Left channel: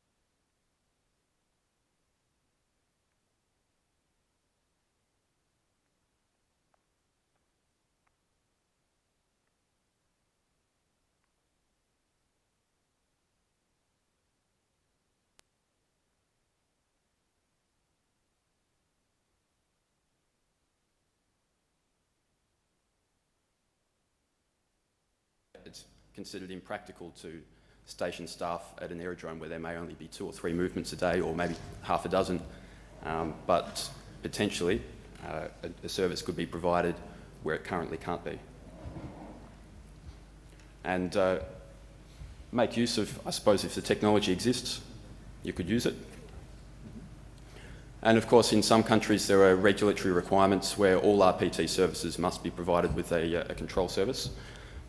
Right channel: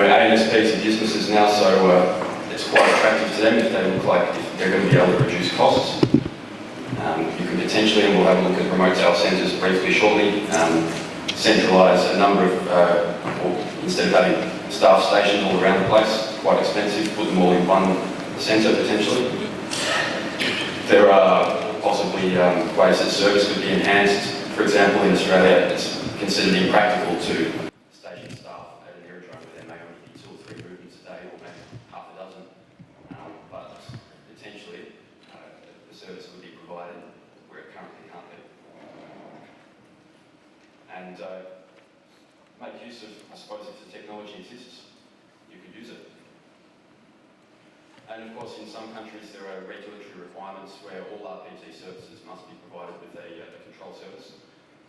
ANSPs are businesses now, so it's quite attractive to them if they look like if they're going to be able to reduce costs. You can potentially, and we'll have a look at remote tower centres briefly shortly, centralise a number of, or instead of having staff stations all around the place, quite expensive, put them all in one centre potentially. There are possibly ways that service could be enhanced. For example, in Australia, it's considered impractical to station staff at an aerodrome where there may only be 2 or 3 movements a day, or maybe half a dozen. But potentially, a service could be provided where it currently can't be. And make use of, I suppose, if the technology exists, you could use it. And of course, in some countries, there are regulatory requirements where all RPT services must be provided with a control service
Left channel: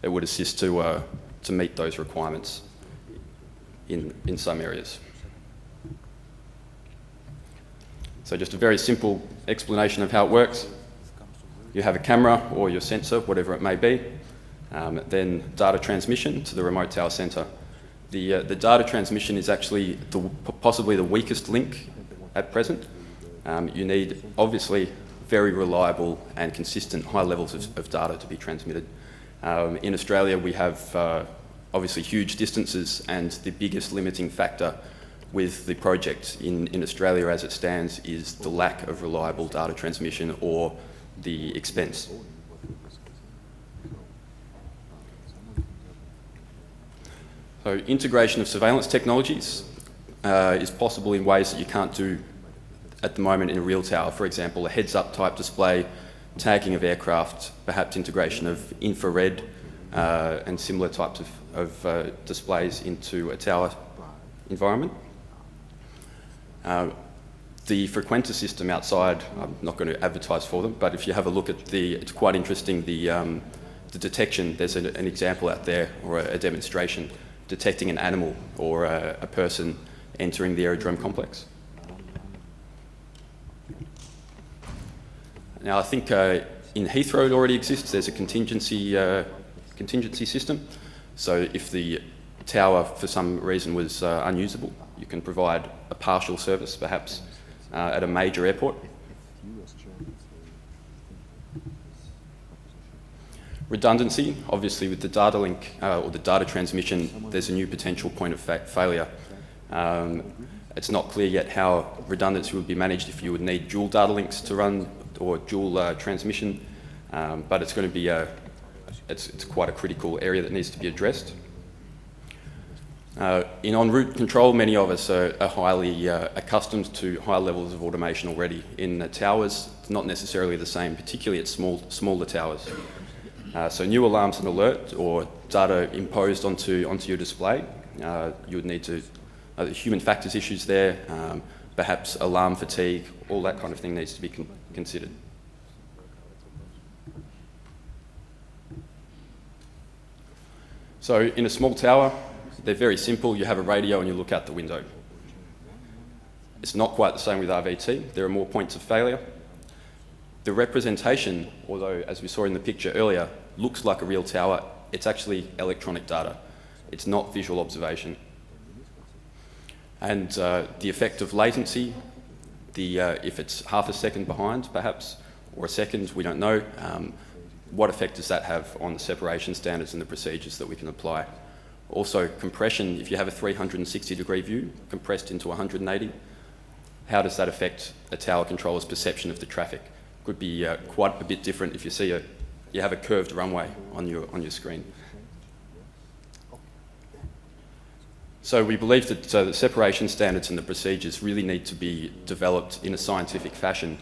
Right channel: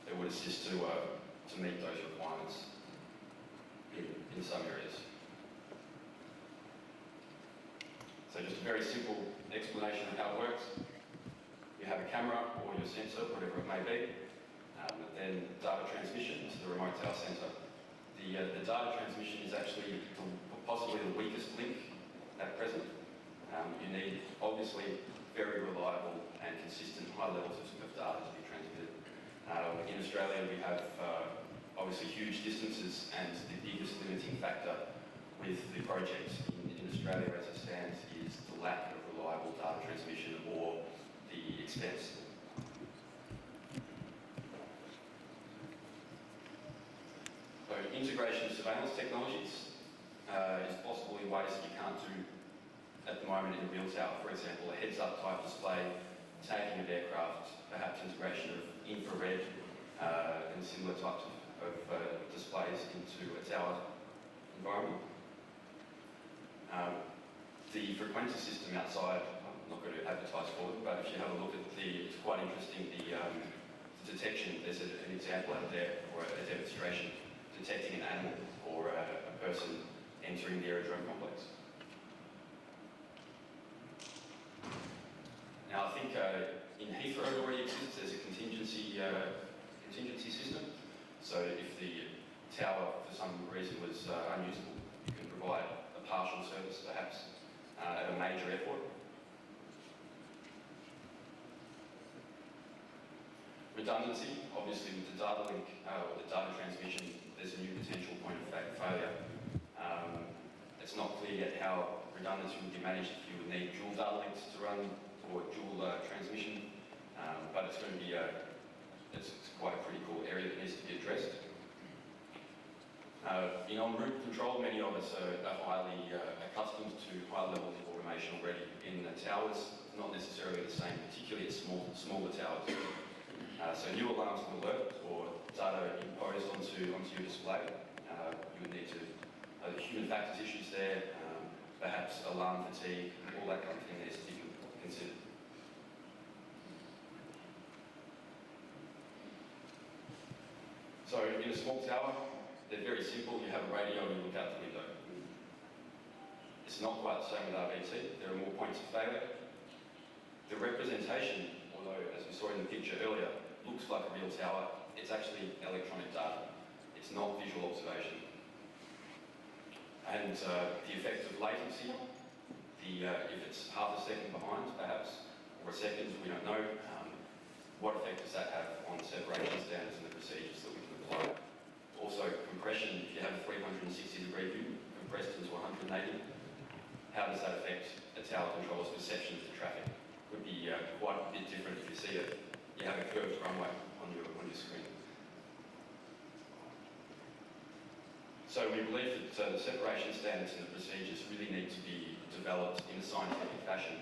that would assist to meet those requirements in some areas. So just a very simple explanation of how it works. You have a camera or your sensor, whatever it may be, then data transmission to the remote tower centre. The data transmission is actually possibly the weakest link at present. You need, obviously, very reliable and consistent high levels of data to be transmitted. In Australia, we have obviously huge distances, and the biggest limiting factor with the project in Australia as it stands is the lack of reliable data transmission or the expense. So integration of surveillance technologies is possible in ways that you can't do at the moment in a real tower. For example, a heads-up type display, tagging of aircraft, perhaps integration of infrared and similar types of displays into a tower environment. The frequentor system outside, I'm not going to advertise for them, but if you have a look at it's quite interesting, the detection. There's an example out there, or a demonstration, detecting an animal or a person entering the aerodrome complex. Now, I think in Heathrow it already exists. There's a contingency system. So if the tower, for some reason, was unusable, you can provide a partial service, perhaps, at a major airport. Redundancy, obviously with the data link or the data transmission, there's a new potential point of failure. It's not clear yet how redundancy would be managed if you would need dual data links to run or dual transmission, but it's going to be it's quite a critical area that needs to be addressed. In en route control, many of us are highly accustomed to high levels of automation already. In towers, it's not necessarily the same, particularly at smaller towers. So new alarms and alert, or data imposed onto your display, you would need to, human factors issues there, perhaps alarm fatigue, all that kind of thing needs to be considered. So in a small tower, they're very simple. You have a radio and you look out the window. It's not quite the same with RVT. There are more points of failure. The representation, although as we saw in the picture earlier, looks like a real tower, it's actually electronic data. It's not visual observation. And the effect of latency, if it's half a second behind perhaps, or a second, we don't know, what effect does that have on the separation standards and the procedures that we can apply? Also, compression, if you have a 360-degree view compressed into 180, how does that affect a tower controller's perception of the traffic? Could be quite a bit different if you have a curved runway on your screen. So we believe that the separation standards and the procedures really need to be developed in a scientific fashion,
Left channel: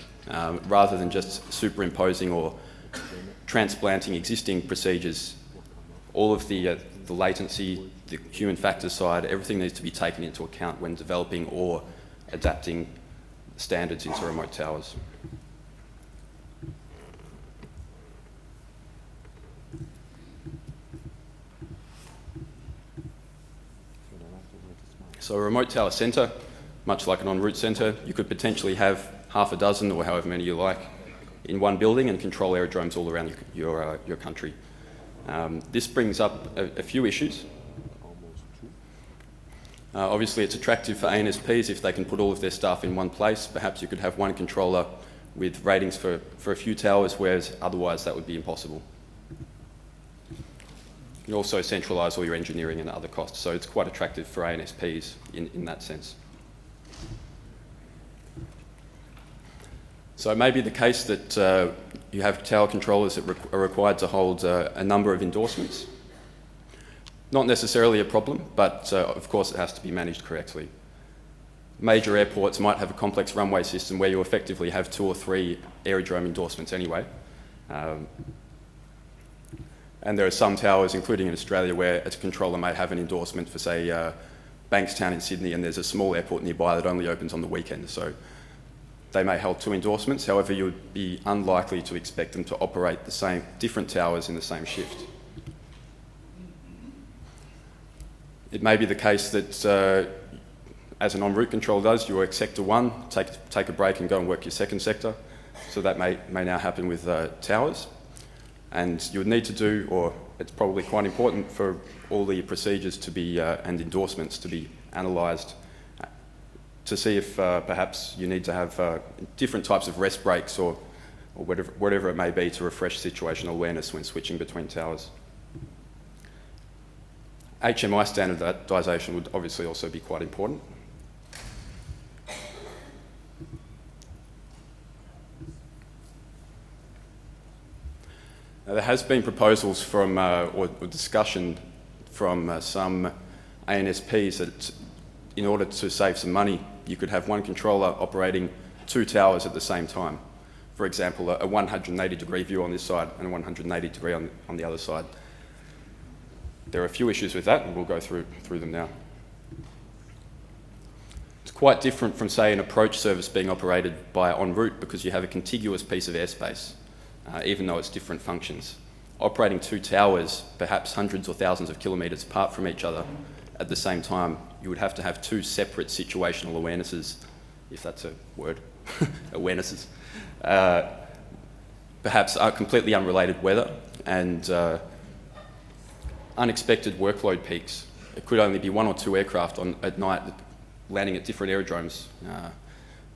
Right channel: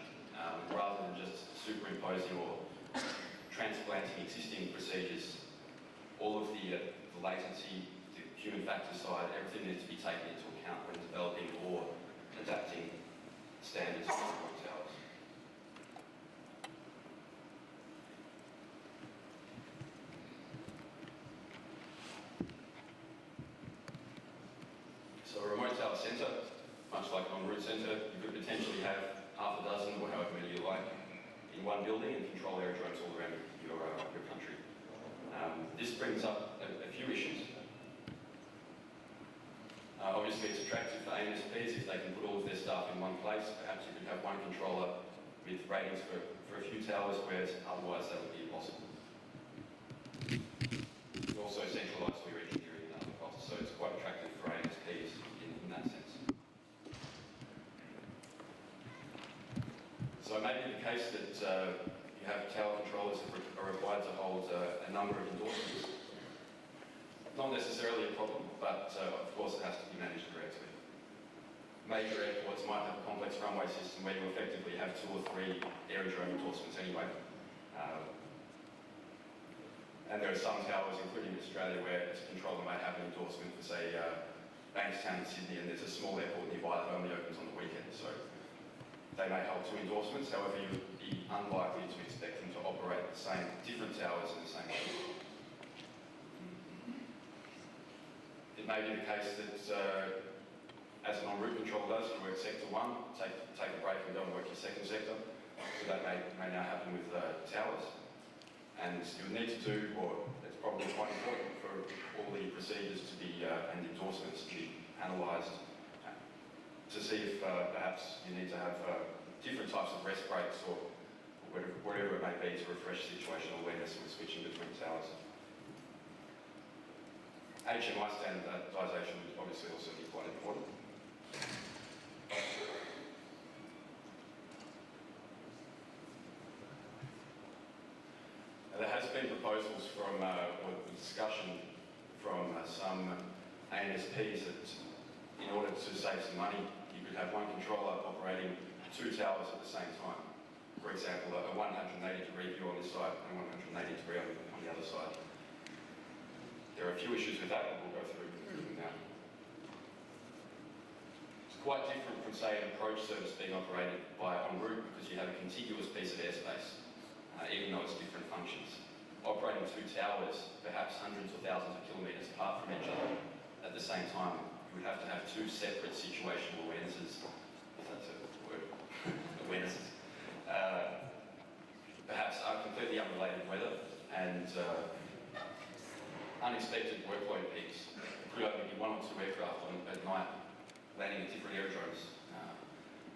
rather than just superimposing or transplanting existing procedures. All of the latency, the human factor side, everything needs to be taken into account when developing or adapting standards into remote towers. So a remote tower centre, much like an en route centre, you could potentially have half a dozen or however many you like in one building and control aerodromes all around your country. This brings up a few issues. Obviously, it's attractive for ANSPs if they can put all of their staff in one place. Perhaps you could have one controller with ratings for a few towers, whereas otherwise that would be impossible. You also centralise all your engineering and other costs, so it's quite attractive for ANSPs in that sense. So it may be the case that you have tower controllers that are required to hold a number of endorsements. Not necessarily a problem, but of course it has to be managed correctly. Major airports might have a complex runway system where you effectively have 2 or 3 aerodrome endorsements anyway. And there are some towers, including in Australia, where a controller may have an endorsement for, say, Bankstown in Sydney, and there's a small airport nearby that only opens on the weekend. So they may hold 2 endorsements. However, you would be unlikely to expect them to operate the same, different towers in the same shift. It may be the case that, as an en route control does, you work sector 1, take a break and go and work your second sector. So that may now happen with towers. And you would need to do, or it's probably quite important for all the procedures to be, and endorsements to be analysed to see if perhaps you need to have different types of rest breaks or whatever it may be to refresh situational awareness when switching between towers. HMI standardisation would obviously also be quite important. Now, there has been proposals from, or discussion from some ANSPs that in order to save some money, you could have one controller operating 2 towers at the same time. For example, a 180-degree view on this side and a 180-degree on the other side. There are a few issues with that, and we'll go through them now. It's quite different from, say, an approach service being operated by en route because you have a contiguous piece of airspace, even though it's different functions. Operating 2 towers, perhaps hundreds or thousands of kilometres apart from each other at the same time, you would have to have 2 separate situational awarenesses, if that's a word, awarenesses. Perhaps are completely unrelated weather and unexpected workload peaks. It could only be 1 or 2 aircraft at night landing at different aerodromes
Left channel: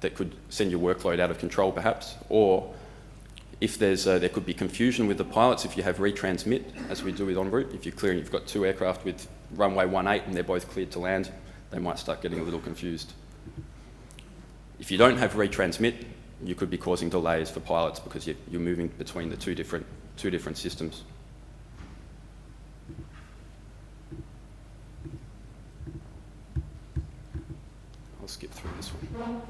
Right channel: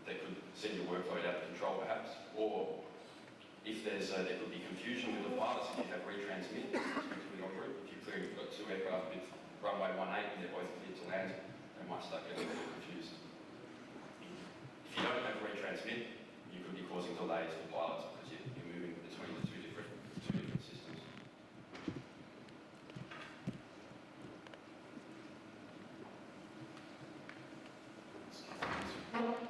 that could send your workload out of control perhaps, or if there could be confusion with the pilots if you have retransmit, as we do with en route. If you're clearing, you've got 2 aircraft with runway 18 and they're both cleared to land, they might start getting a little confused. If you don't have retransmit, you could be causing delays for pilots because you're moving between the two different systems. I'll skip through this one.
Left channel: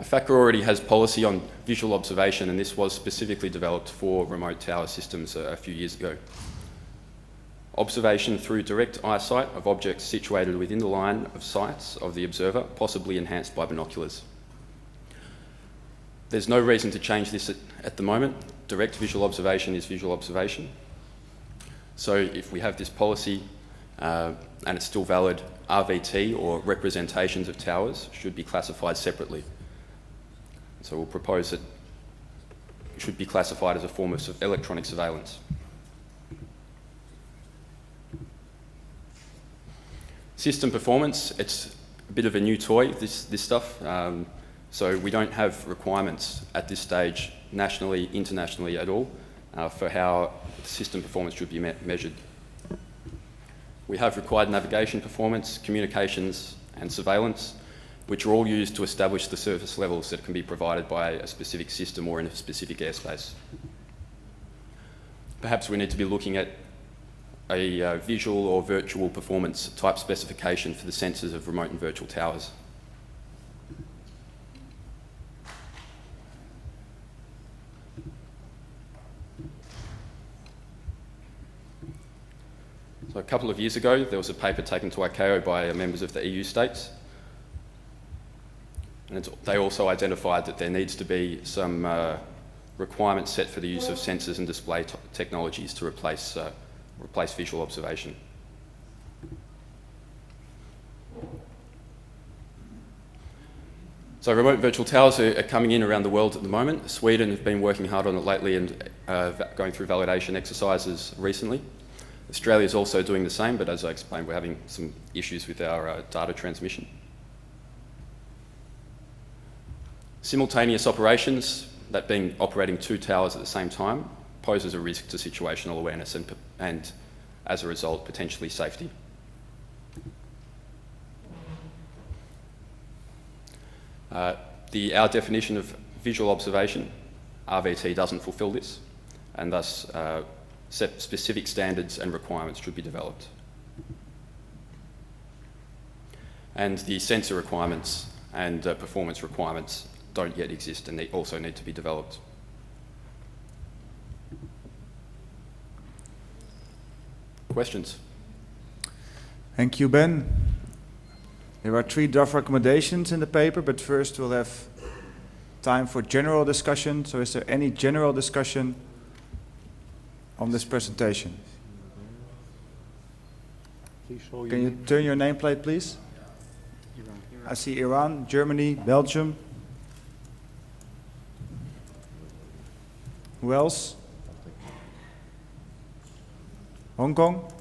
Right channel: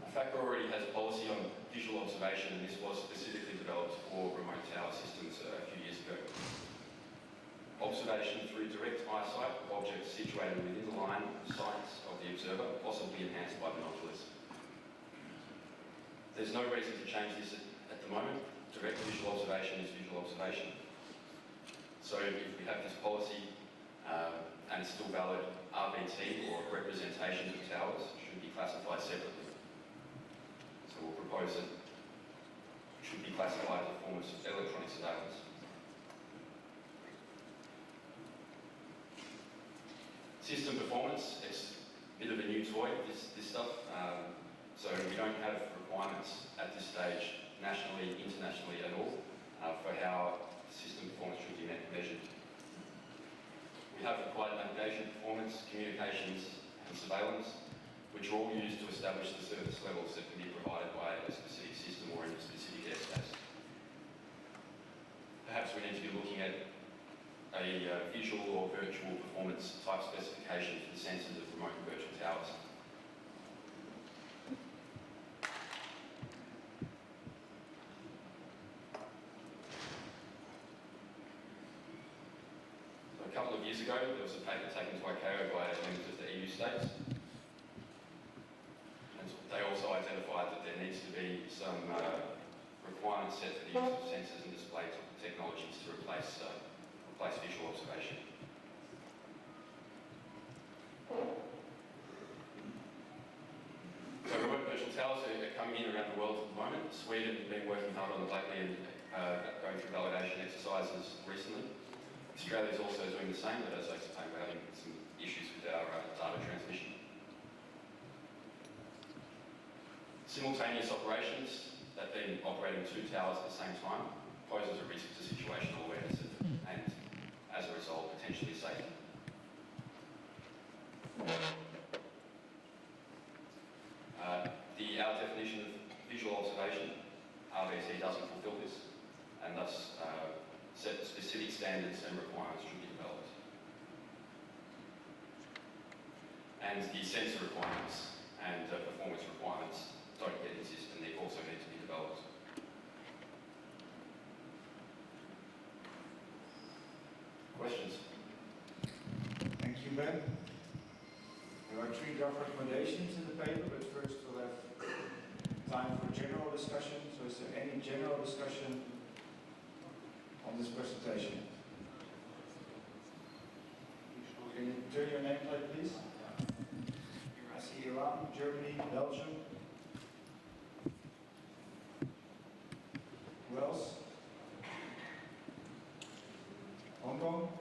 IFATCA already has policy on visual observation, and this was specifically developed for remote tower systems a few years ago. Observation through direct eyesight of objects situated within the line of sights of the observer, possibly enhanced by binoculars. There's no reason to change this at the moment. Direct visual observation is visual observation. So if we have this policy and it's still valid, RVT, or representations of towers, should be classified separately. So we'll propose that it should be classified as a form of electronic surveillance. System performance, it's a bit of a new toy, this stuff. So we don't have requirements at this stage, nationally, internationally at all, for how system performance should be measured. We have required navigation performance, communications, and surveillance, which are all used to establish the service levels that can be provided by a specific system or in a specific airspace. Perhaps we need to be looking at a visual or virtual performance type specification for the sensors of remote and virtual towers. So a couple of years ago, there was a paper taken to ICAO by members of the EU states. And they also identified that there needs to be some requirements set for the use of sensors and display technologies to replace visual observation. So remote virtual towers are coming in around the world at the moment. Sweden have been working hard on it lately and going through validation exercises recently. Australia is also doing the same, but as I explained, we're having some issues with our data transmission. Simultaneous operations, that being operating 2 towers at the same time, poses a risk to situational awareness and as a result, potentially safety. Our definition of visual observation, RVT, doesn't fulfil this, and thus specific standards and requirements should be developed. And the sensor requirements and performance requirements don't yet exist, and they also need to be developed. Questions? Thank you, Ben. There are 3 draft recommendations in the paper, but first we'll have time for general discussion. So is there any general discussion on this presentation? Can you turn your nameplate, please? I see Iran, Germany, Belgium. Who else? Hong Kong?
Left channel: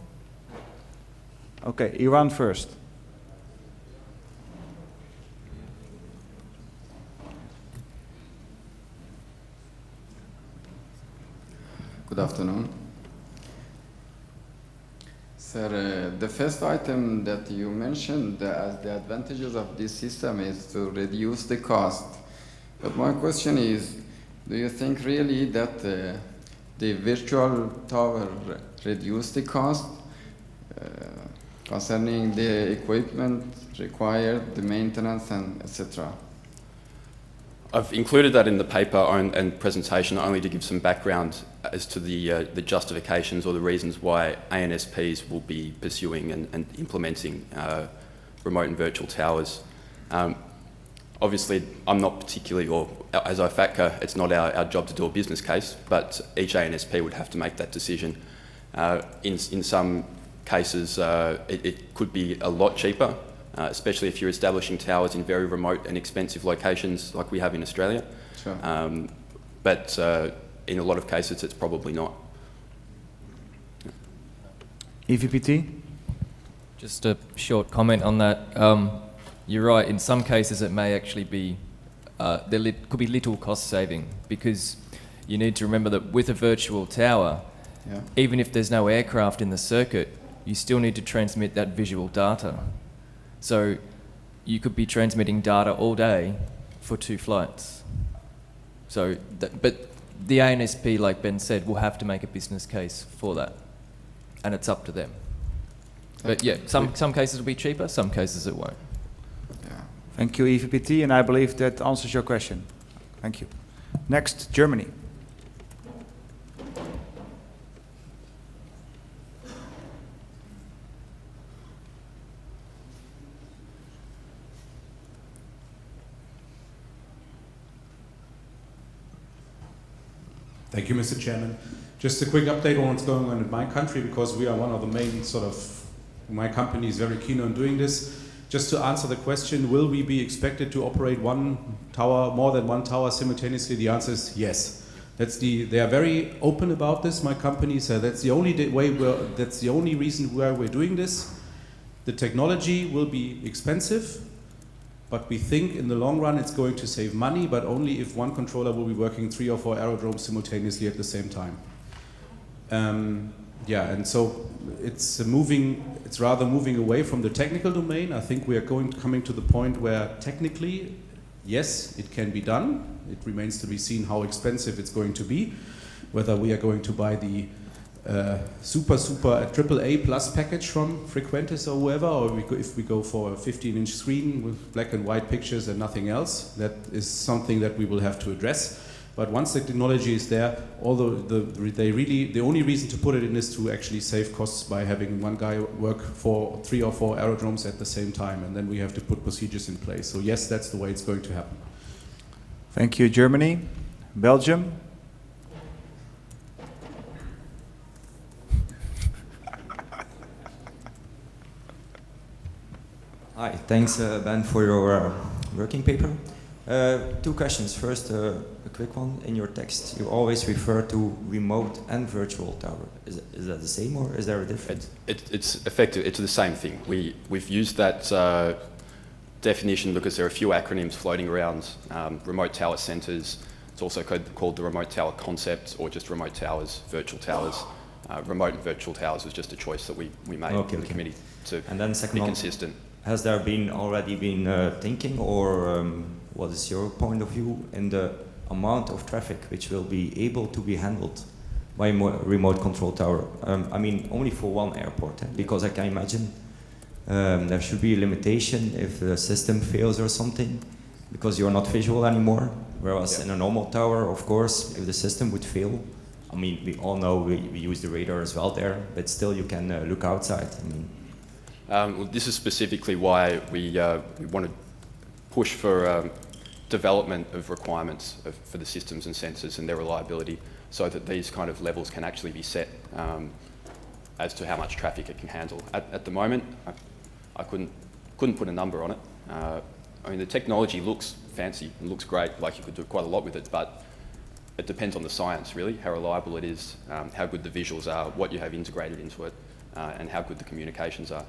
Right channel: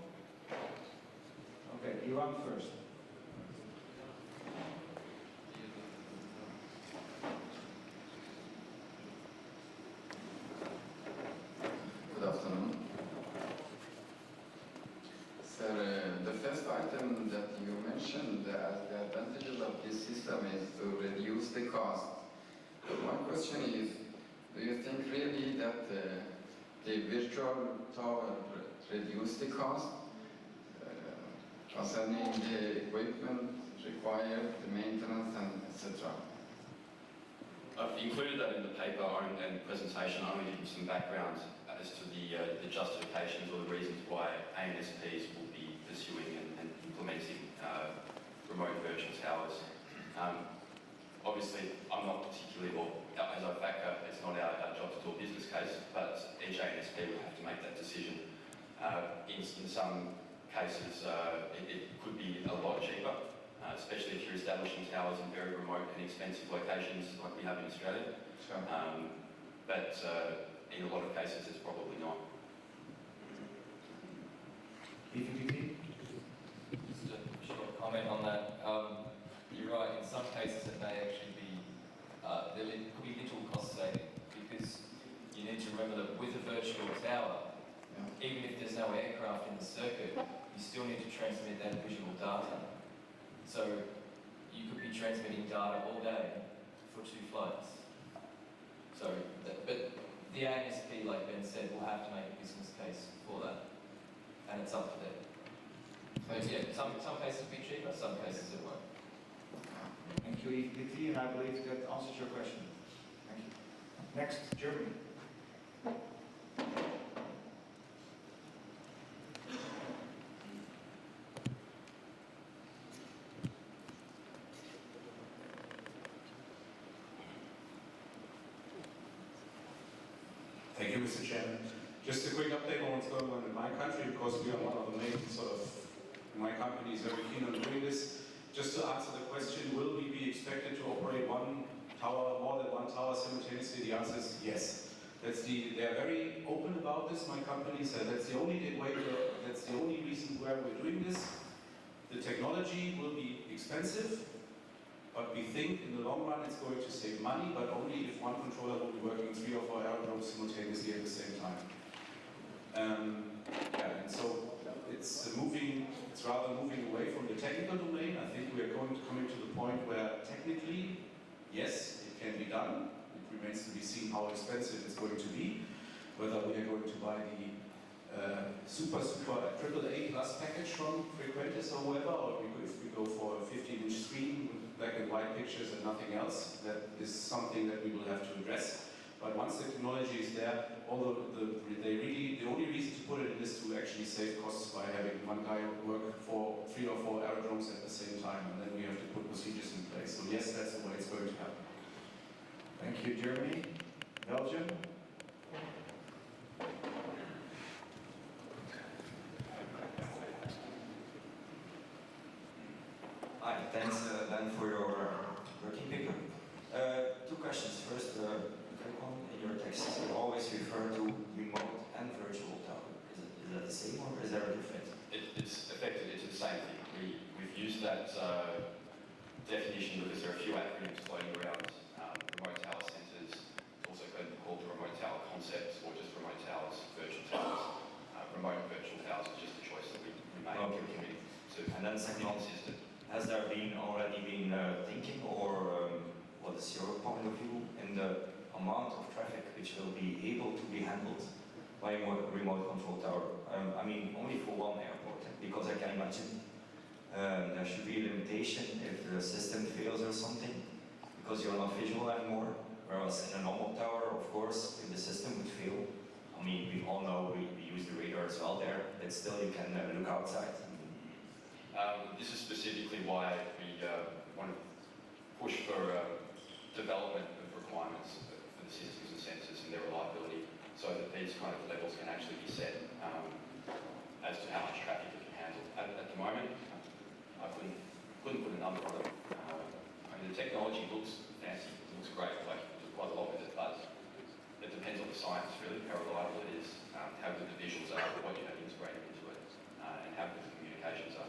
Okay, Iran first. Good afternoon. Sir, the first item that you mentioned as the advantages of this system is to reduce the cost. But my question is, do you think really that the virtual tower reduce the cost concerning the equipment required, the maintenance, and etc.? I've included that in the paper and presentation only to give some background as to the justifications or the reasons why ANSPs will be pursuing and implementing remote and virtual towers. Obviously, I'm not particularly, or as IFATCA, it's not our job to do a business case, but each ANSP would have to make that decision. In some cases, it could be a lot cheaper, especially if you're establishing towers in very remote and expensive locations like we have in Australia. Sure. But in a lot of cases, it's probably not. EVPT? Just a short comment on that. You're right, in some cases it may actually be, there could be little cost saving, because you need to remember that with a virtual tower, even if there's no aircraft in the circuit, you still need to transmit that visual data. So you could be transmitting data all day for 2 flights. So, but the ANSP, like Ben said, will have to make a business case for that, and it's up to them. But yeah, some cases will be cheaper, some cases it won't. Thank you, EVPT, and I believe that answers your question. Thank you. Next, Germany. Thank you, Mr. Chairman. Just a quick update on what's going on in my country, because we are one of the main my company is very keen on doing this. Just to answer the question, will we be expected to operate one tower, more than one tower simultaneously? The answer is yes. They are very open about this, my company, so that's the only that's the only reason why we're doing this. The technology will be expensive, but we think in the long run it's going to save money, but only if one controller will be working 3 or 4 aerodromes simultaneously at the same time. And so it's rather moving away from the technical domain. I think we are coming to the point where technically, yes, it can be done. It remains to be seen how expensive it's going to be, whether we are going to buy the super AAA plus package from Frequentis or whoever, or if we go for a 15-inch screen with black and white pictures and nothing else. That is something that we will have to address. But once the technology is there, although the only reason to put it in is to actually save costs by having one guy work for 3 or 4 aerodromes at the same time, and then we have to put procedures in place. So yes, that's the way it's going to happen. Thank you, Germany. Belgium. Hi, thanks Ben for your working paper. Two questions. First, a quick one. In your text, you always refer to remote and virtual tower. Is that the same, or is there a difference? It's effective. It's the same thing. We've used that definition because there are a few acronyms floating around. Remote tower centres. It's also called the remote tower concept, or just remote towers, virtual towers. Remote and virtual towers was just a choice that we made in the committee to and then second be one, consistent. has there already been thinking, or what is your point of view in the amount of traffic which will be able to be handled by a remote control tower? I mean, only for one airport, because I can imagine there should be a limitation if the system fails or something, because you're not visual anymore. Whereas in a normal tower, of course, if the system would fail, I mean, we all know we use the radar as well there, but still you can look outside. I mean. Well, this is specifically why we want to push for development of requirements for the systems and sensors and their reliability, so that these kind of levels can actually be set as to how much traffic it can handle. At the moment, I couldn't put a number on it. I mean, the technology looks fancy and looks great, like you could do quite a lot with it, but it depends on the science, really, how reliable it is, how good the visuals are, what you have integrated into it, and how good the communications are.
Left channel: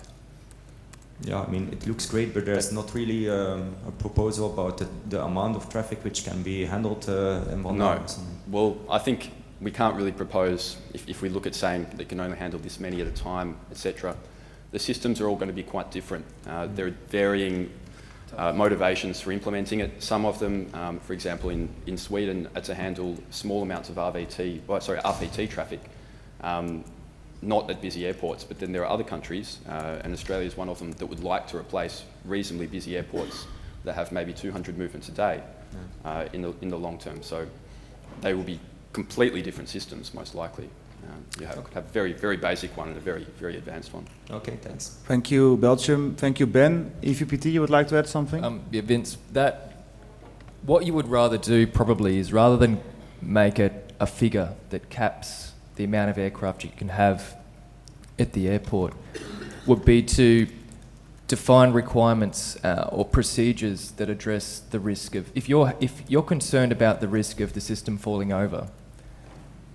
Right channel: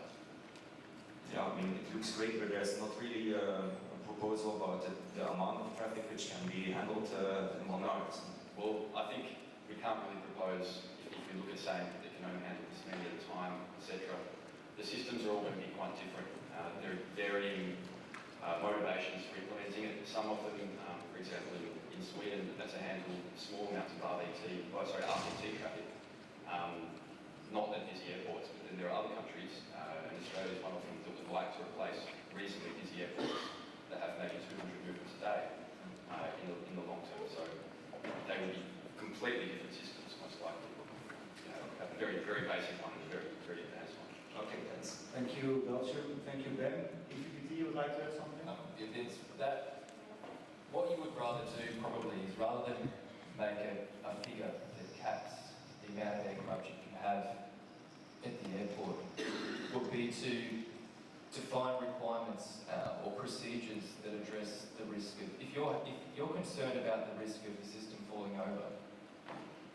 Yeah, I mean, it looks great, but there's not really a proposal about the amount of traffic which can be handled in one hour. Well, I think we can't really propose, if we look at saying they can only handle this many at a time, etc. The systems are all going to be quite different. There are varying motivations for implementing it. Some of them, for example, in Sweden, are to handle small amounts of RPT traffic, not at busy airports. But then there are other countries, and Australia is one of them, that would like to replace reasonably busy airports that have maybe 200 movements a day in the long term. So they will be completely different systems, most likely. You have a very, very basic one and a very, very advanced one. Okay, thanks. Thank you, Belgium. Thank you, Ben. EVPT, you would like to add something? Yeah, Vince, what you would rather do probably is, rather than make it a figure that caps the amount of aircraft you can have at the airport, would be to define requirements or procedures that address the risk of, if you're concerned about the risk of the system falling over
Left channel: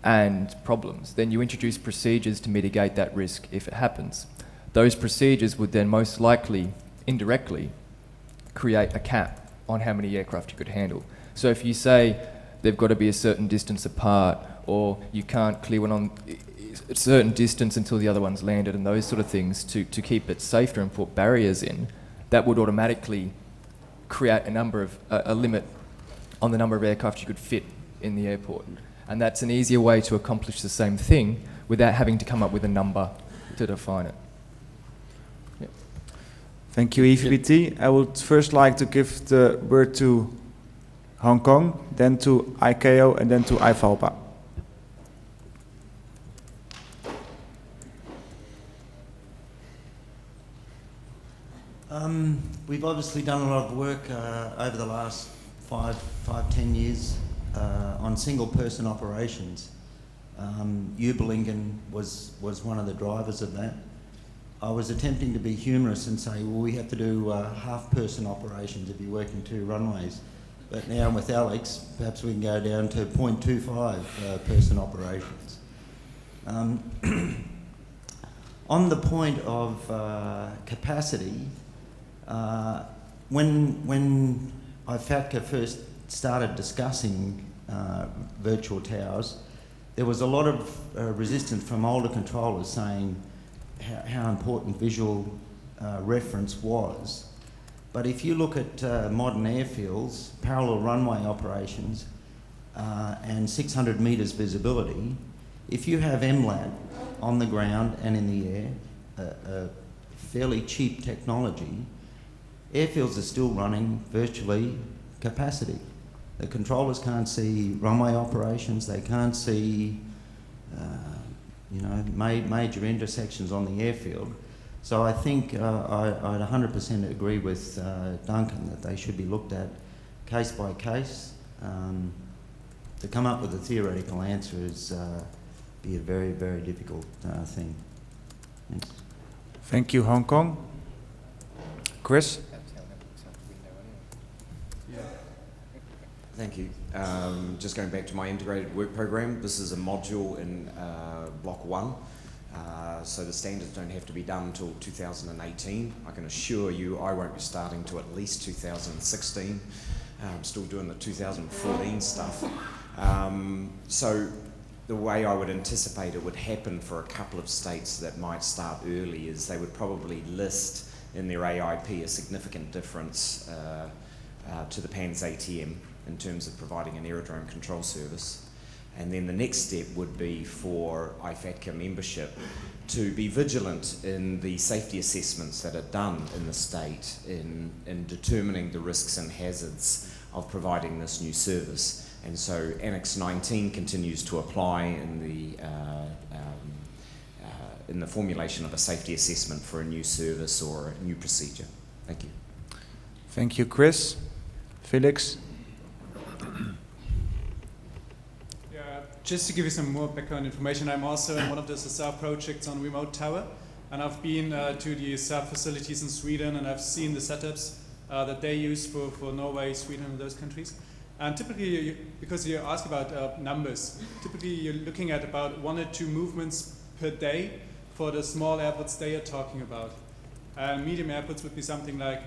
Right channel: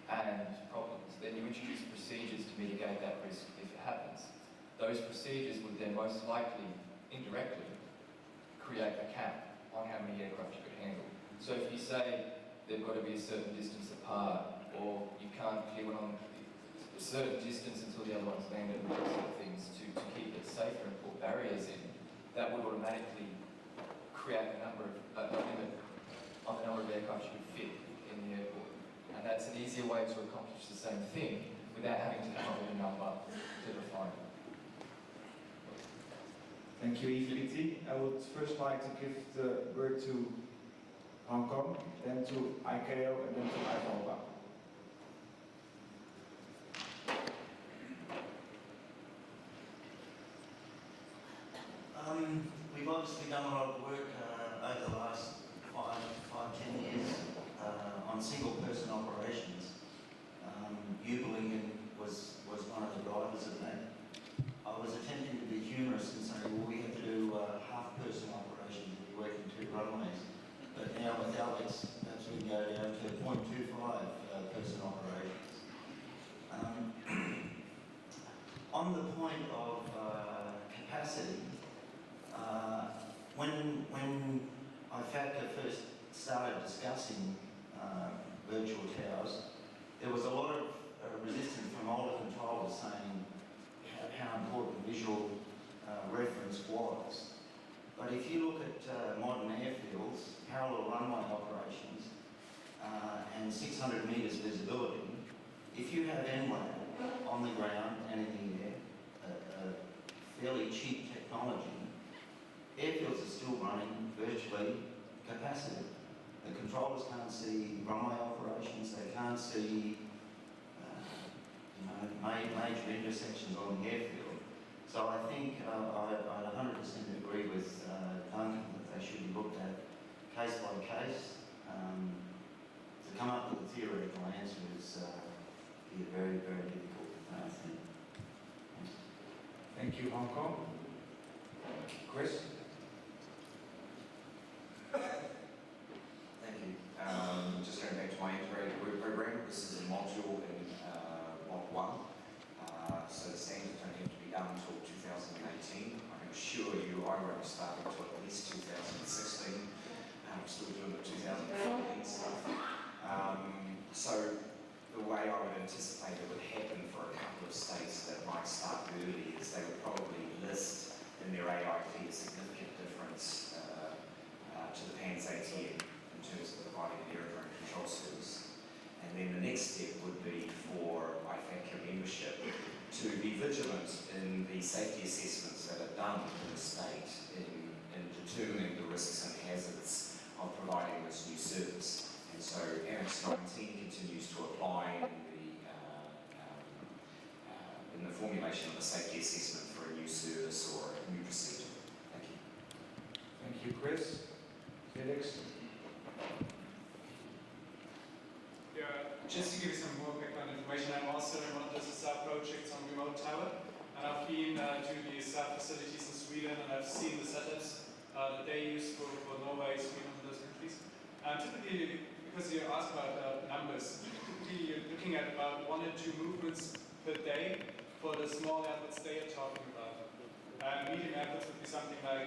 and problems, then you introduce procedures to mitigate that risk if it happens. Those procedures would then most likely, indirectly, create a cap on how many aircraft you could handle. So if you say they've got to be a certain distance apart, or you can't clear one on a certain distance until the other one's landed, and those sort of things to keep it safer and put barriers in, that would automatically create a limit on the number of aircraft you could fit in the airport. And that's an easier way to accomplish the same thing without having to come up with a number to define it. Yeah. Thank you, EVPT. I would first like to give the word to Hong Kong, then to ICAO, and then to IFALPA. We've obviously done a lot of work over the last 5-10 years on single-person operations. Ubelingen was one of the drivers of that. I was attempting to be humorous and say, well, we have to do half-person operations if you work in 2 runways. But now with Alex, perhaps we can go down to 0.25 person operations. On the point of capacity, when IFATCA first started discussing virtual towers, there was a lot of resistance from older controllers saying how important visual reference was. But if you look at modern airfields, parallel runway operations, and 600 metres visibility, if you have MLAT on the ground and in the air, a fairly cheap technology, airfields are still running virtually capacity. The controllers can't see runway operations, they can't see major intersections on the airfield. So I think I'd 100% agree with Duncan that they should be looked at case by case. To come up with a theoretical answer is be a very, very difficult thing. Thanks. Thank you, Hong Kong. Chris? Thank you. Just going back to my integrated work program, this is a module in block 1, so the standards don't have to be done until 2018. I can assure you I won't be starting till at least 2016. I'm still doing the 2014 stuff. So the way I would anticipate it would happen for a couple of states that might start early is they would probably list in their AIP a significant difference to the PANS ATM in terms of providing an aerodrome control service. And then the next step would be for IFATCA membership to be vigilant in the safety assessments that are done in the state in determining the risks and hazards of providing this new service. And so Annex 19 continues to apply in the formulation of a safety assessment for a new service or a new procedure. Thank you. Thank you, Chris. Felix? Just to give you some more background information, I'm also in one of the SSR projects on remote tower, and I've been to the SSR facilities in Sweden, and I've seen the setups that they use for Norway, Sweden, and those countries. And typically, because you ask about numbers, typically you're looking at about 1 or 2 movements per day for the small airports they are talking about. And medium airports would be something like,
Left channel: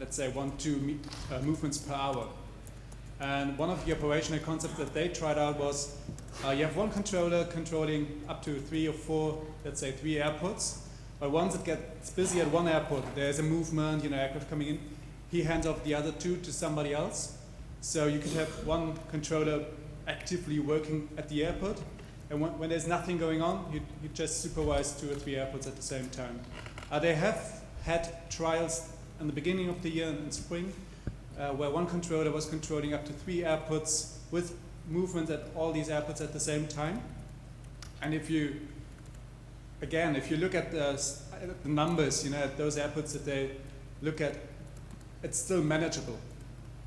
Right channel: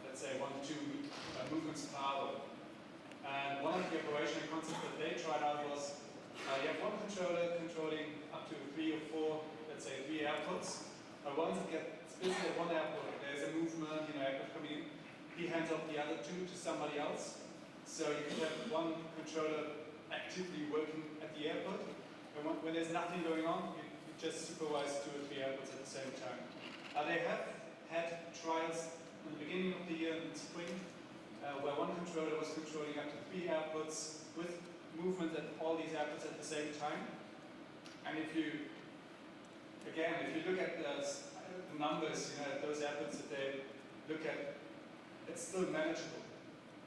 let's say 1 to 2 movements per hour. And one of the operational concepts that they tried out was you have one controller controlling up to 3 or 4, let's say 3 airports. But once it gets busy at one airport, there's a movement, aircraft coming in, he hands off the other 2 to somebody else. So you could have one controller actively working at the airport, and when there's nothing going on, you just supervise 2 or 3 airports at the same time. They have had trials in the beginning of the year in spring, where one controller was controlling up to 3 airports with movement at all these airports at the same time. And if you look at the numbers, at those airports that they look at, it's still manageable.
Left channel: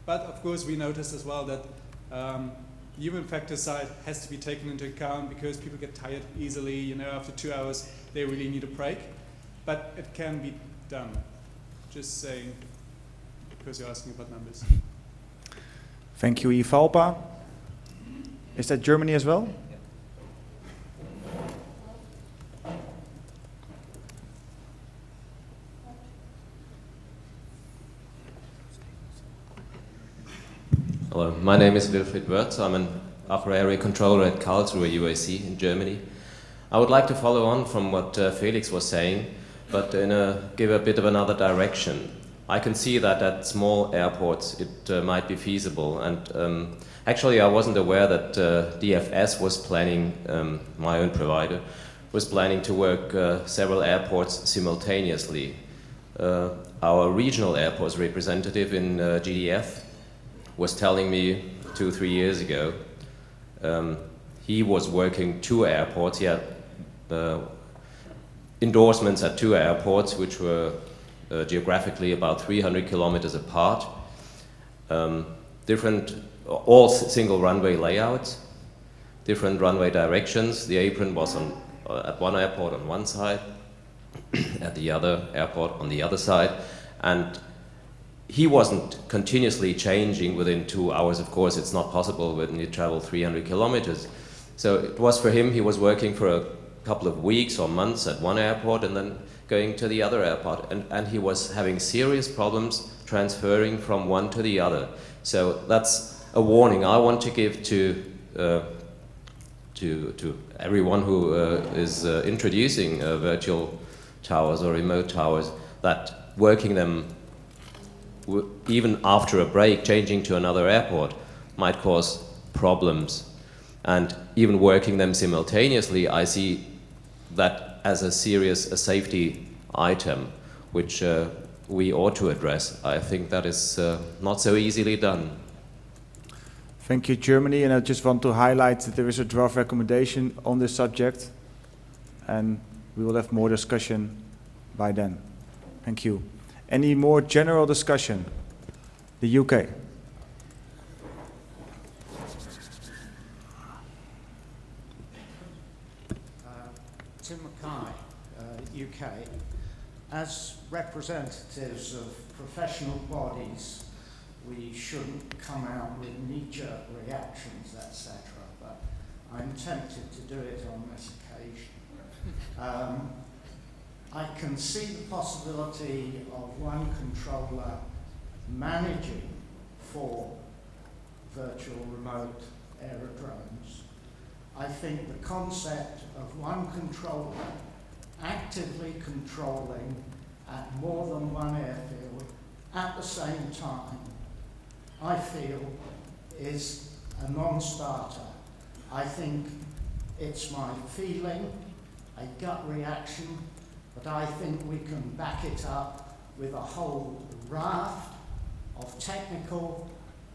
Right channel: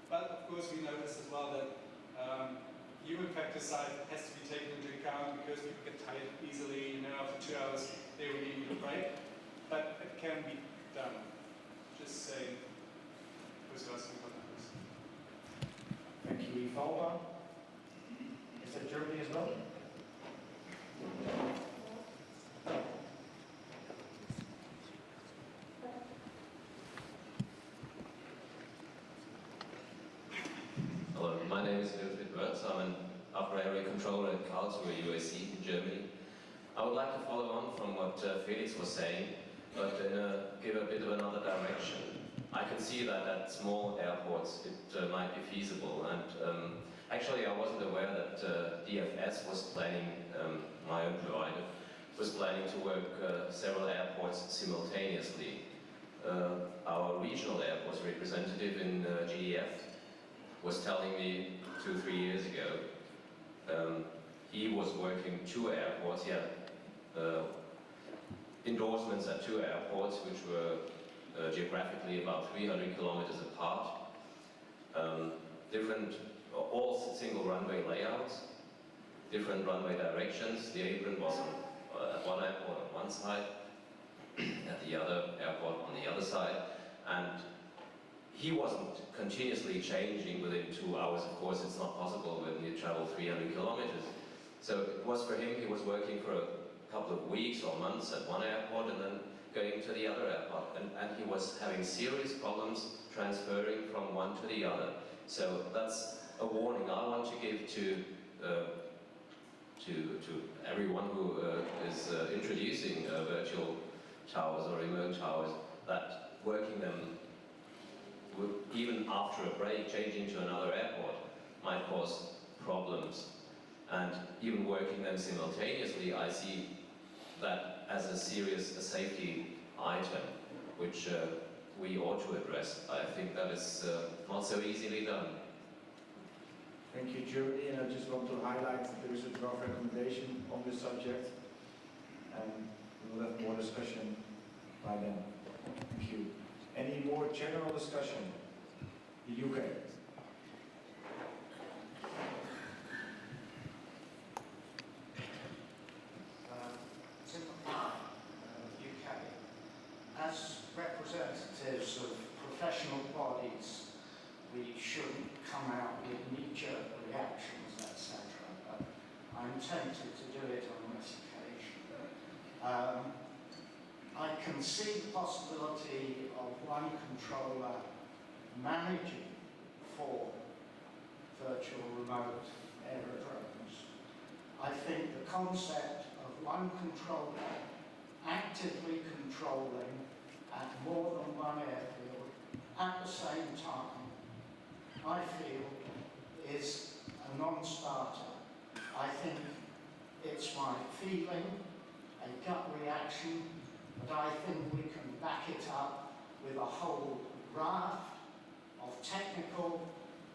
But of course, we noticed as well that human factor side has to be taken into account because people get tired easily. After 2 hours, they really need a break. But it can be done. Just saying, because you're asking about numbers. Thank you, IFALPA. Is that Germany as well? Hello, my name is Wilfried Wörth. I'm an upper area controller at Karlsruhe UAC in Germany. I would like to follow on from what Felix was saying, but give a bit of another direction. I can see that at small airports it might be feasible, and actually I wasn't aware that DFS was planning, my own provider, was planning to work several airports simultaneously. Our regional airports representative in GDF was telling me 2 or 3 years ago he was working 2 airports. He had endorsements at 2 airports which were geographically about 300 kilometers apart, all single runway layouts, different runway directions. The apron was at one airport on one side, at the other airport on the other side, and he wasn't continuously changing within 2 hours. Of course, it's not possible when you travel 300 kilometers. So it was for him, he was working for a couple of weeks or months at one airport and then going to the other airport, and he was having serious problems transferring from one to the other. So that's a warning I want to give to everyone who is introducing virtual towers or remote towers, that working them even after a break, changing to another airport, might cause problems. And even working them simultaneously, I see that as a serious safety item, which we ought to address. I think that is not so easily done. Thank you, Germany. And I just want to highlight that there is a draft recommendation on this subject, and we will have more discussion by then. Thank you. Any more general discussion? The UK. Tim McKay, UK. As representatives of professional bodies we shouldn't come out with knee-jerk reactions, etc. But I'm tempted to do it on this occasion. I can see the possibility of one controller managing 4 virtual remote aerodromes. I think the concept of one controller actively controlling at more than one airfield at the same time, I feel is a non-starter. I think it's my feeling, a gut reaction, but I think we can back it up with a whole raft of technical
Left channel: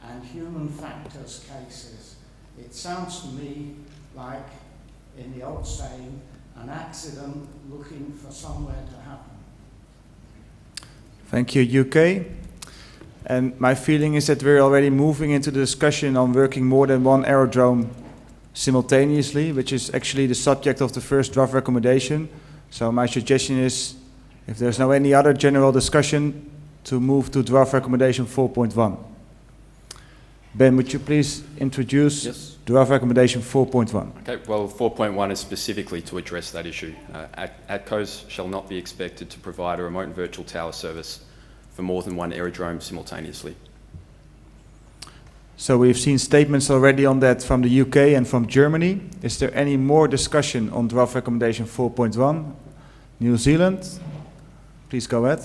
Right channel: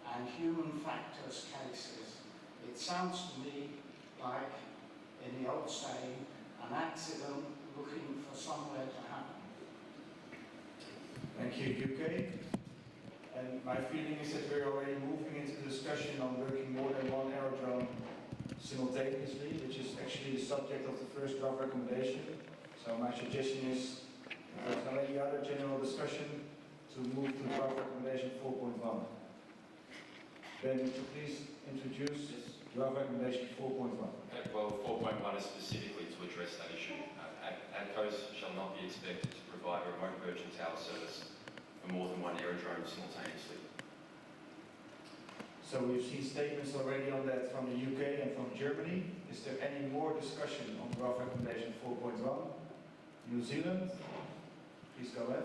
and human factors cases. It sounds to me like, in the old saying, an accident looking for somewhere to happen. Thank you, UK. And my feeling is that we're already moving into the discussion on working more than one aerodrome simultaneously, which is actually the subject of the first draft recommendation. So my suggestion is, if there's no any other general discussion, to move to draft recommendation 4.1. Ben, would you please introduce draft recommendation 4.1? Okay, well, 4.1 is specifically to address that issue. ATCOs shall not be expected to provide a remote and virtual tower service for more than one aerodrome simultaneously. So we've seen statements already on that from the UK and from Germany. Is there any more discussion on draft recommendation 4.1? New Zealand, please go ahead.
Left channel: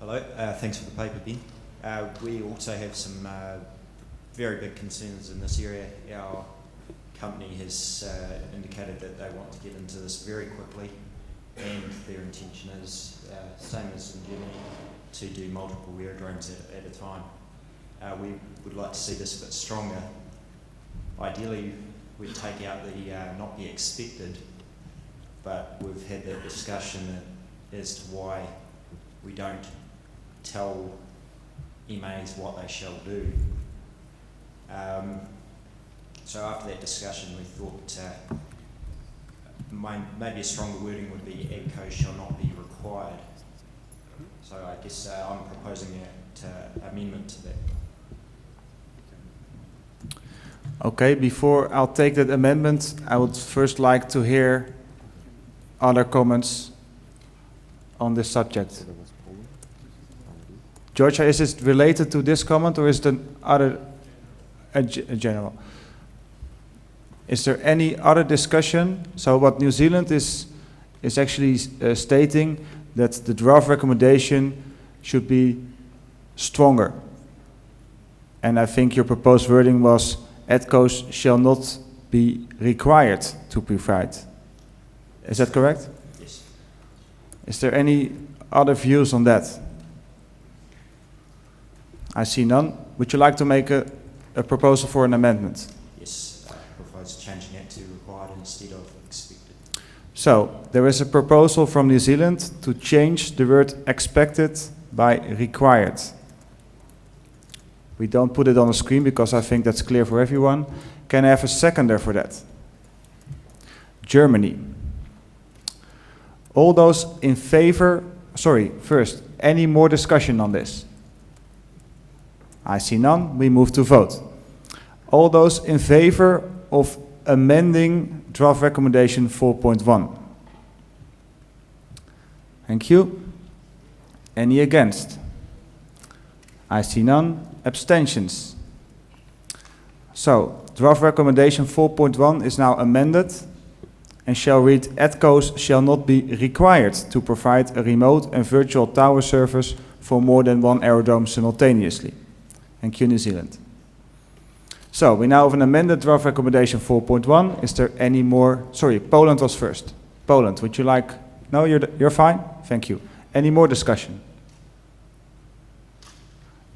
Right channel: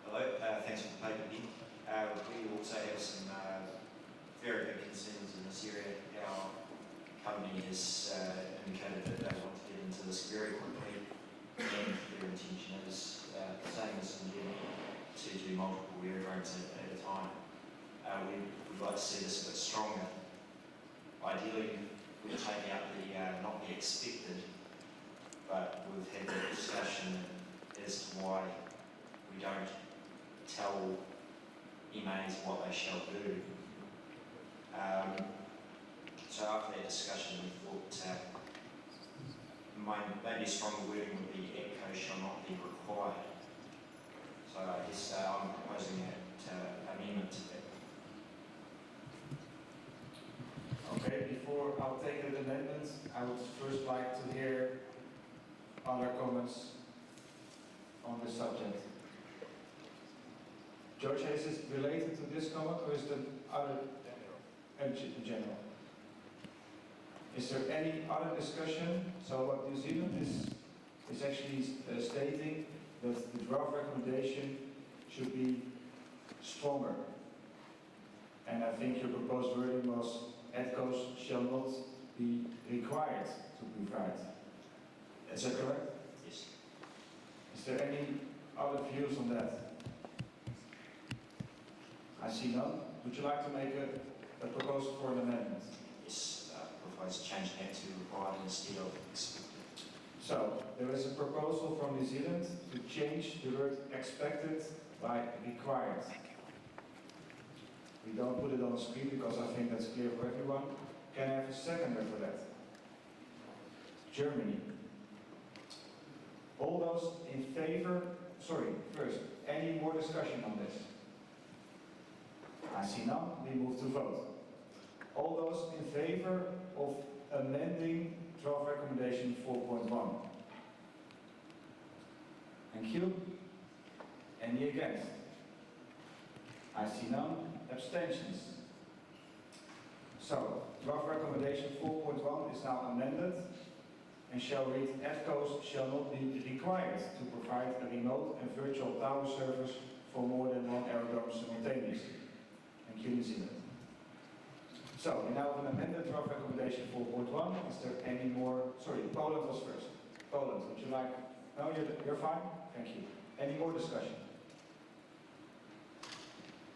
Hello, thanks for the paper, Ben. We also have some very big concerns in this area. Our company has indicated that they want to get into this very quickly, and their intention is, same as in Germany, to do multiple aerodromes at a time. We would like to see this a bit stronger. Ideally, we'd take out the not be expected, but we've had the discussion as to why we don't tell MAs what they shall do. So after that discussion, we thought maybe a stronger wording would be ATCOs shall not be required. So I guess I'm proposing that amendment to that. Okay, before I'll take that amendment, I would first like to hear other comments on this subject. Georgia, is it related to this comment or is it other general? Is there any other discussion? So what New Zealand is actually stating that the draft recommendation should be stronger. And I think your proposed wording was ATCOs shall not be required to provide. Is that correct? Yes. Is there any other views on that? I see none. Would you like to make a proposal for an amendment? Yes, I propose changing that to required instead of expected. So, there is a proposal from New Zealand to change the word expected by required. We don't put it on the screen because I think that's clear for everyone. Can I have a seconder for that? Germany. All those in favor, first, any more discussion on this? I see none. We move to vote. All those in favor of amending draft recommendation 4.1? Thank you. Any against? I see none. Abstentions? So, draft recommendation 4.1 is now amended and shall read, ATCOs shall not be required to provide a remote and virtual tower service for more than one aerodrome simultaneously. Thank you, New Zealand. So, we now have an amended draft recommendation 4.1. Is there any more? Sorry, Poland was first. Poland, would you like? No, you're fine? Thank you. Any more discussion?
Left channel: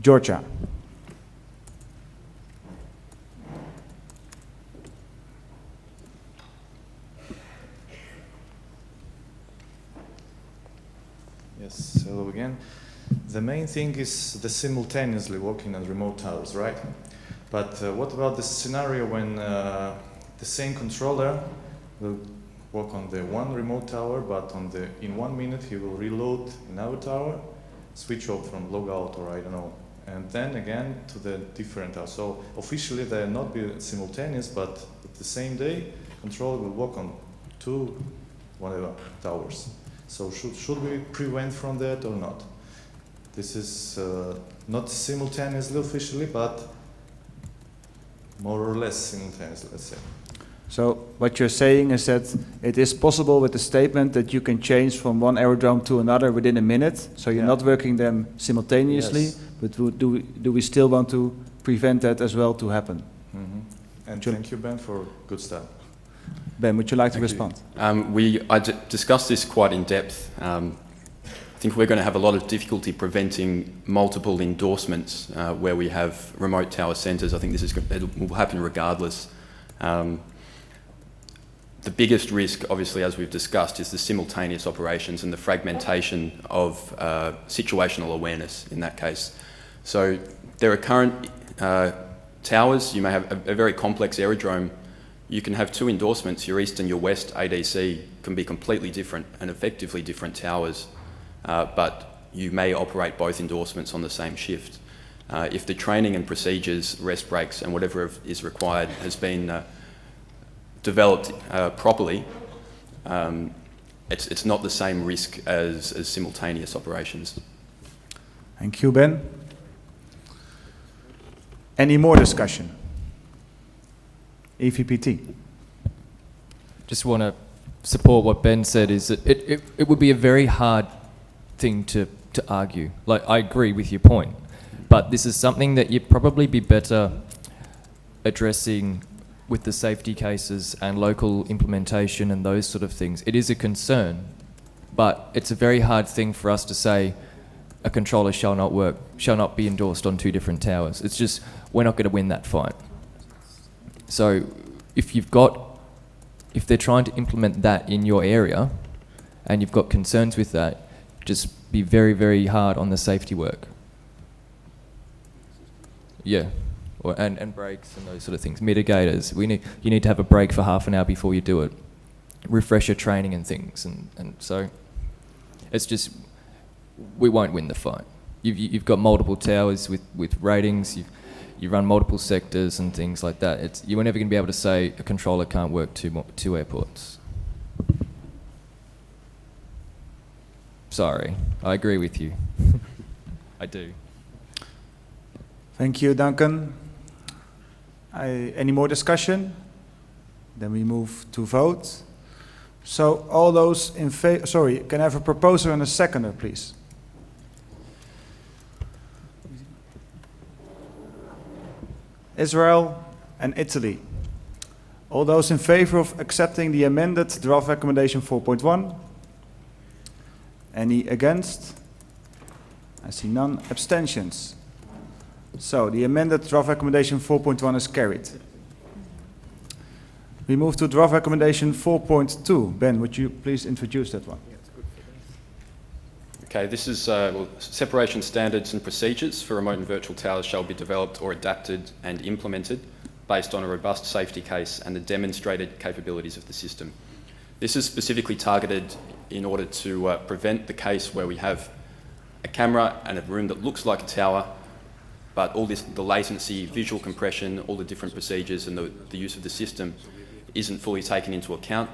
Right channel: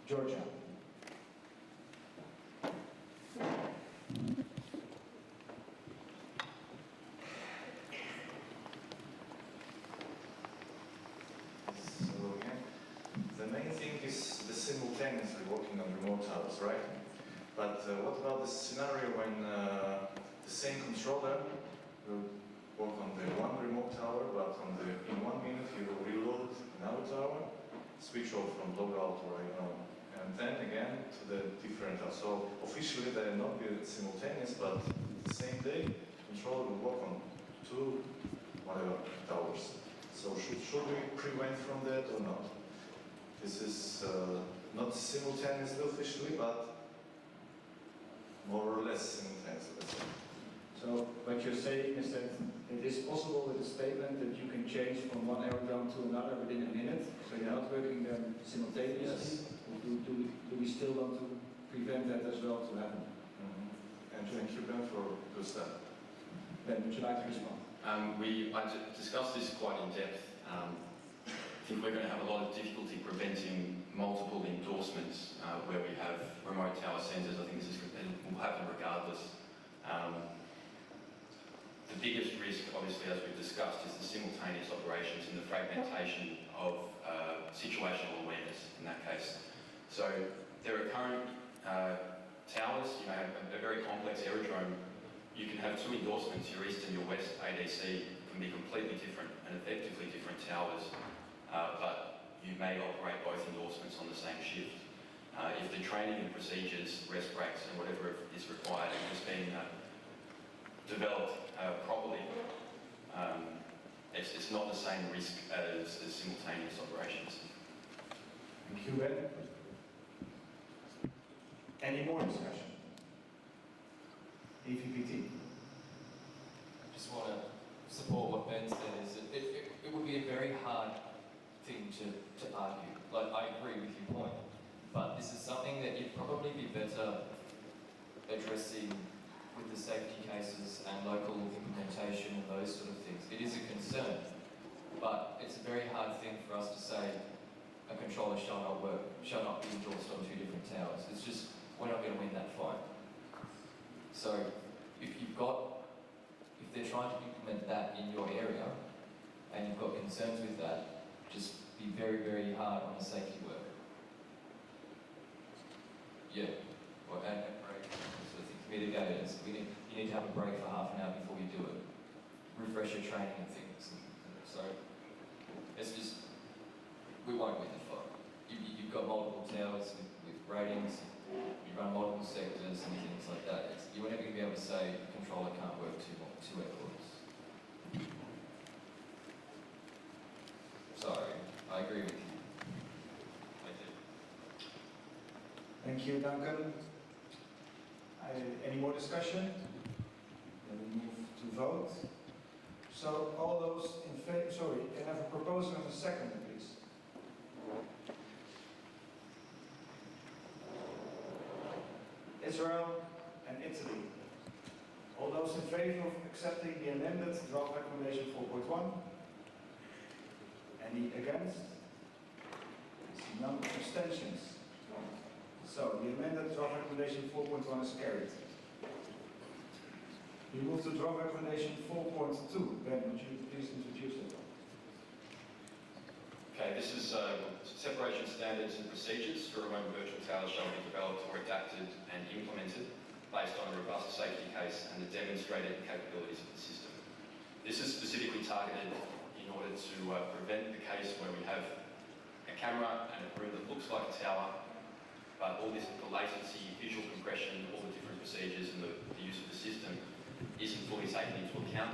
Georgia. Yes, hello again. The main thing is the simultaneously working on remote towers, right? But what about the scenario when the same controller will work on the one remote tower, but in 1 minute he will reload another tower, switch off from logout or I don't know, and then again to the different tower. So officially they will not be simultaneous, but the same day controller will work on 2 whatever towers. So should we prevent from that or not? This is not simultaneously officially, but more or less simultaneously, let's say. So what you're saying is that it is possible with the statement that you can change from one aerodrome to another within a minute, so you're not working them simultaneously, Yes. but do we still want to prevent that as well to happen? Mm-hmm. And thank you, Ben, for good start. Ben, would you like to respond? I discussed this quite in depth. I think we're going to have a lot of difficulty preventing multiple endorsements where we have remote tower centres. I think it will happen regardless. The biggest risk, obviously, as we've discussed, is the simultaneous operations and the fragmentation of situational awareness in that case. So there are current towers. You may have a very complex aerodrome. You can have 2 endorsements. Your east and your west ADC can be completely different and effectively different towers, but you may operate both endorsements on the same shift. If the training and procedures, rest breaks and whatever is required has been developed properly, it's not the same risk as simultaneous operations. Thank you, Ben. Any more discussion? EVPT. Just want to support what Ben said, is that it would be a very hard thing to argue. Like, I agree with your point, but this is something that you'd probably be better addressing with the safety cases and local implementation and those sort of things. It is a concern, but it's a very hard thing for us to say a controller shall not be endorsed on 2 different towers. It's just, we're not going to win that fight. So if they're trying to implement that in your area and you've got concerns with that, just be very, very hard on the safety work. Yeah. And breaks and those sort of things. Mitigators. You need to have a break for half an hour before you do it. Refresher training and things. And so it's just, we won't win the fight. You've got multiple towers with ratings. You run multiple sectors and things like that. You're never going to be able to say a controller can't work 2 airports. Sorry, I agree with you. I do. Thank you, Duncan. Any more discussion? Then we move to vote. So all those in favor, sorry, can I have a proposer and a seconder, please? Israel and Italy. All those in favor of accepting the amended draft recommendation 4.1? Any against? I see none. Abstentions? So the amended draft recommendation 4.1 is carried. We move to draft recommendation 4.2. Ben, would you please introduce that one? Okay, this is separation standards and procedures for remote and virtual towers shall be developed or adapted and implemented based on a robust safety case and the demonstrated capabilities of the system. This is specifically targeted in order to prevent the case where we have a camera and a room that looks like a tower, but all this, the latency, visual compression, all the different procedures and the use of the system isn't fully taken into account.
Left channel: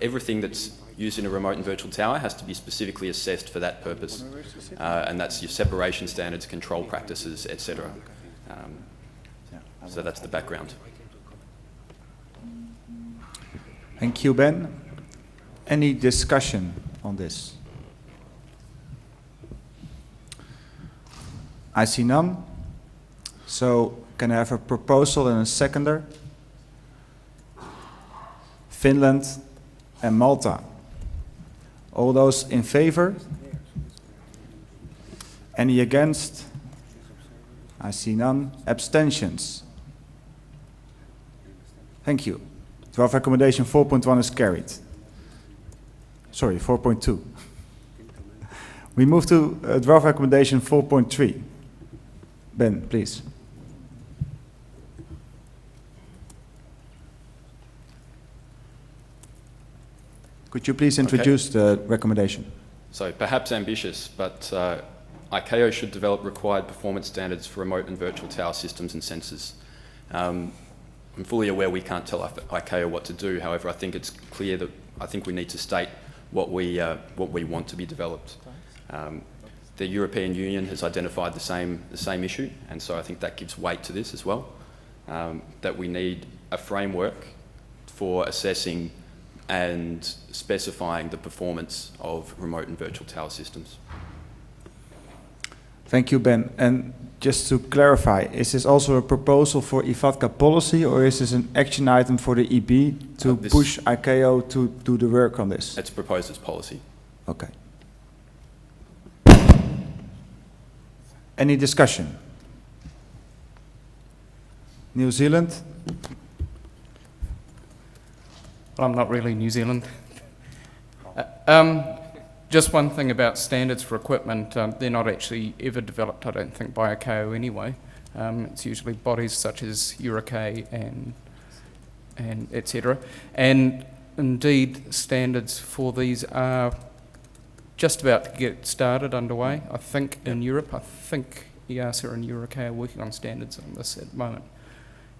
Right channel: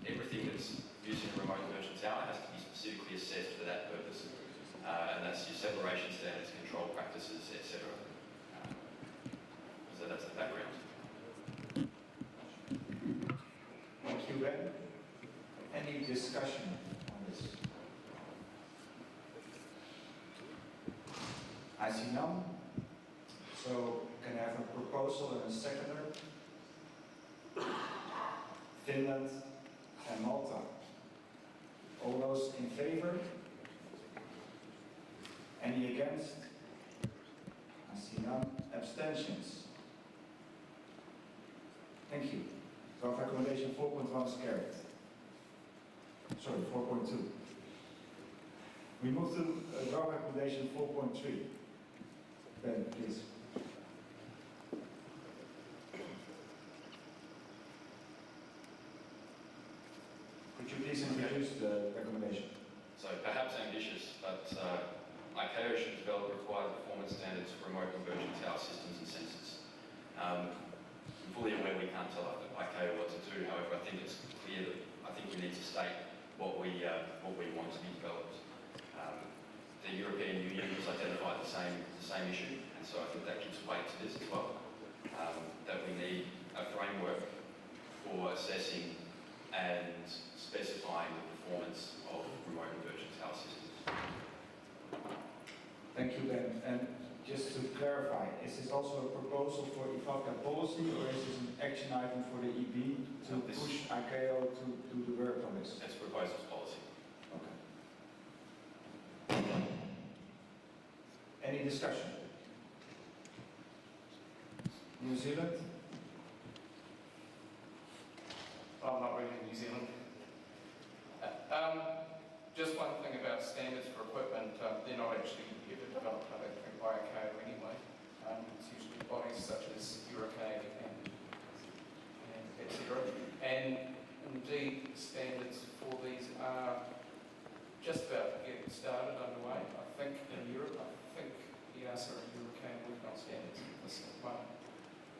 Everything that's used in a remote and virtual tower has to be specifically assessed for that purpose. And that's your separation standards, control practices, etc. So that's the background. Thank you, Ben. Any discussion on this? I see none. So can I have a proposal and a seconder? Finland and Malta. All those in favor? Any against? I see none. Abstentions? Thank you. Draft recommendation 4.1 is carried. Sorry, 4.2. We move to draft recommendation 4.3. Ben, please. Could you please introduce the recommendation? So perhaps ambitious, but ICAO should develop required performance standards for remote and virtual tower systems and sensors. I'm fully aware we can't tell ICAO what to do. However, I think it's clear that I think we need to state what we want to be developed. The European Union has identified the same issue, and so I think that gives weight to this as well. That we need a framework for assessing and specifying the performance of remote and virtual tower systems. Thank you, Ben. And just to clarify, is this also a proposal for IFATCA policy, or is this an action item for the EB to push ICAO to do the work on this? It's proposed as policy. Okay. Any discussion? New Zealand? Well, I'm not really New Zealand. Just one thing about standards for equipment, they're not actually ever developed, I don't think, by ICAO anyway. It's usually bodies such as EuroK and etc. And indeed, standards for these are just about to get started underway. I think in Europe, I think EASA and EuroK are working on standards on this at the moment.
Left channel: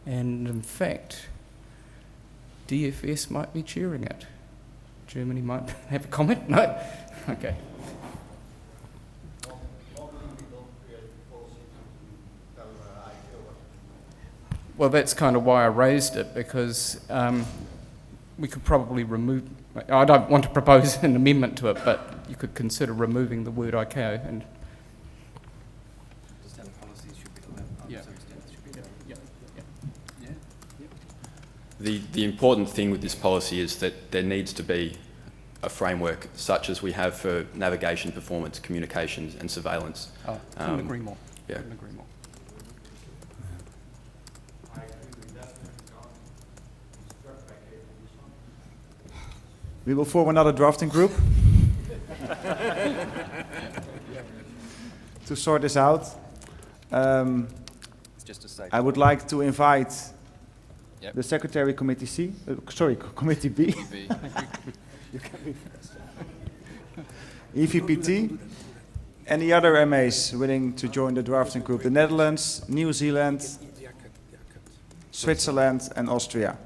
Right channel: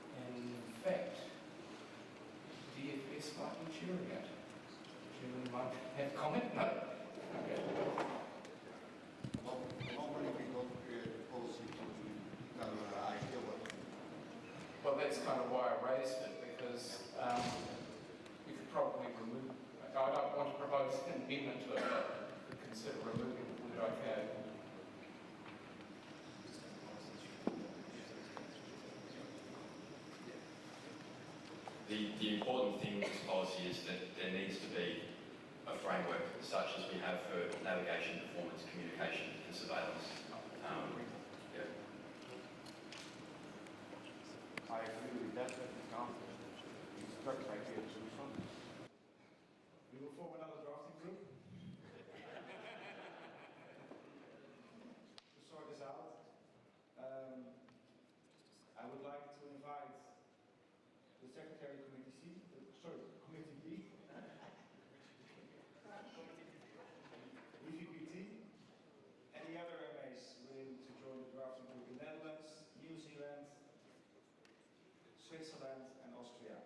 And in fact, DFS might be chairing it. Germany might have a comment? No? Okay. Well, that's kind of why I raised it, because we could probably remove, I don't want to propose an amendment to it, but you could consider removing the word ICAO and The important thing with this policy is that there needs to be a framework such as we have for navigation, performance, communications and surveillance. Oh, couldn't agree more. Yeah. Couldn't agree more. I agree with that. We will form another drafting group to sort this out. I would like to invite the Secretary Committee C, Committee B. You can be first. EVPT, any other MAs willing to join the drafting group? The Netherlands, New Zealand, Switzerland and Austria.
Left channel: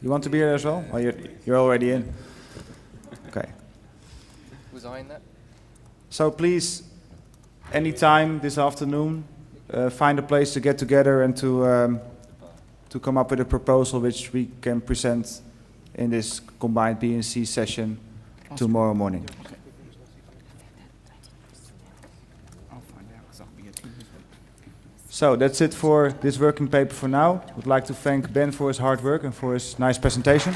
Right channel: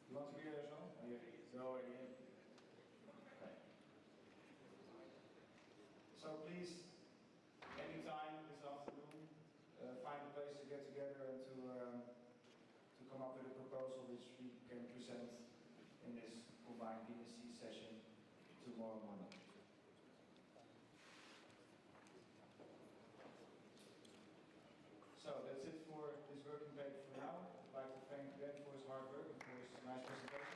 You want to be here as well? Well, you're already in. Okay. Was I in that? So please, anytime this afternoon, find a place to get together and to come up with a proposal which we can present in this combined B and C session tomorrow morning. So that's it for this working paper for now. I would like to thank Ben for his hard work and for his nice presentation.